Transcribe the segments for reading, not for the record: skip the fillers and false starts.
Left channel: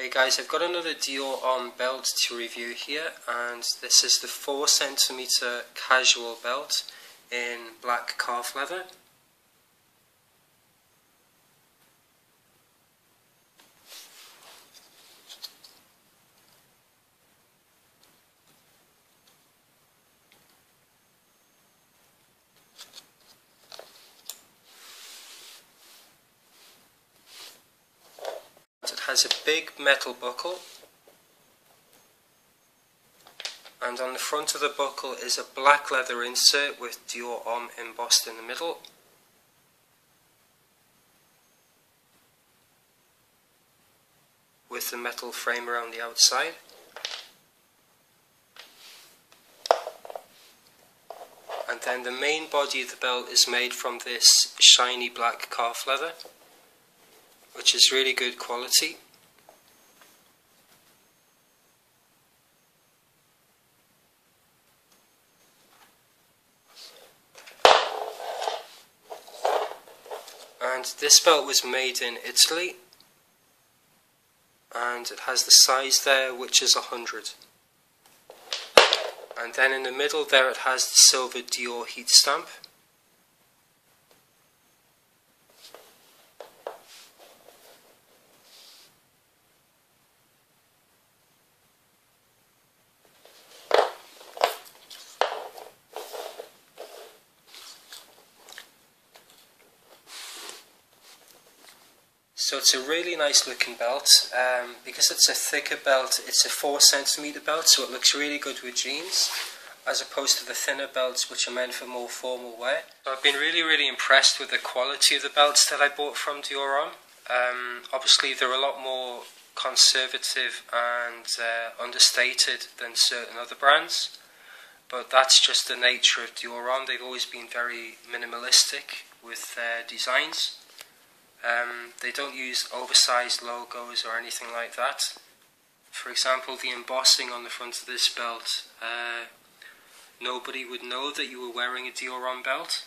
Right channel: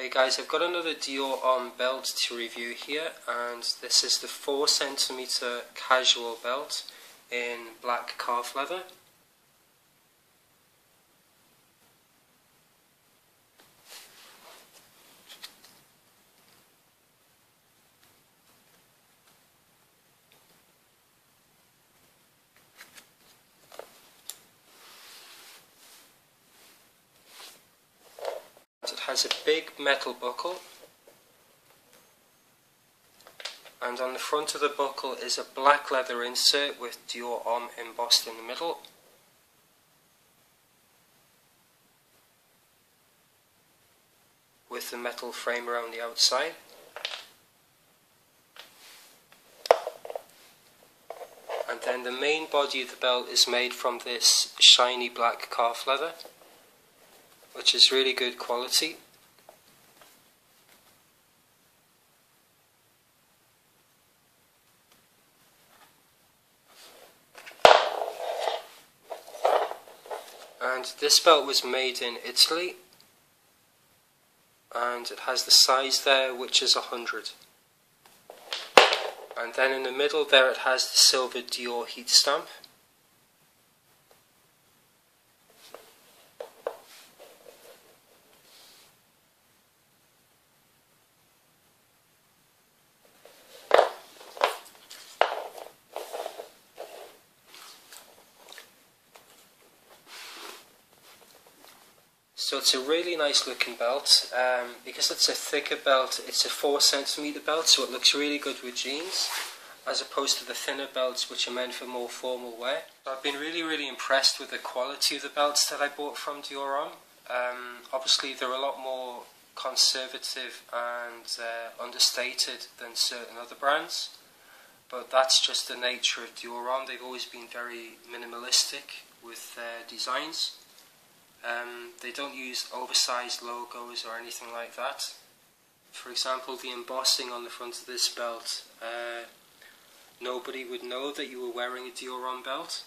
Hey guys, I've got another Dior Homme Belt to review here, and this is the 4cm casual belt in black calf leather. It has a big metal buckle, and on the front of the buckle is a black leather insert with Dior Homme embossed in the middle. With the metal frame around the outside. And then the main body of the belt is made from this shiny black calf leather, which is really good quality. And this belt was made in Italy, and it has the size there, which is 100. And then in the middle there it has the silver Dior heat stamp. So it's a really nice looking belt. Because it's a thicker belt, it's a 4cm belt, so it looks really good with jeans, as opposed to the thinner belts which are meant for more formal wear. So I've been really impressed with the quality of the belts that I bought from Dior Homme. Obviously they're a lot more conservative and understated than certain other brands, but that's just the nature of Dior Homme. They've always been very minimalistic with their designs. They don't use oversized logos or anything like that. For example, the embossing on the front of this belt, nobody would know that you were wearing a Dior Homme belt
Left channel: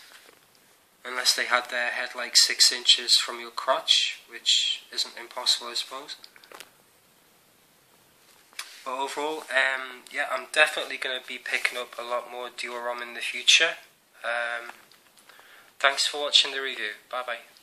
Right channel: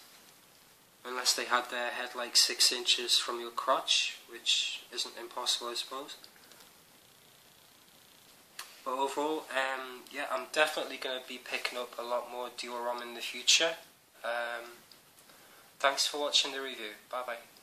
unless they had their head like 6 inches from your crotch, which isn't impossible, I suppose. But overall, yeah, I'm definitely going to be picking up a lot more Dior Homme in the future. Thanks for watching the review. Bye bye.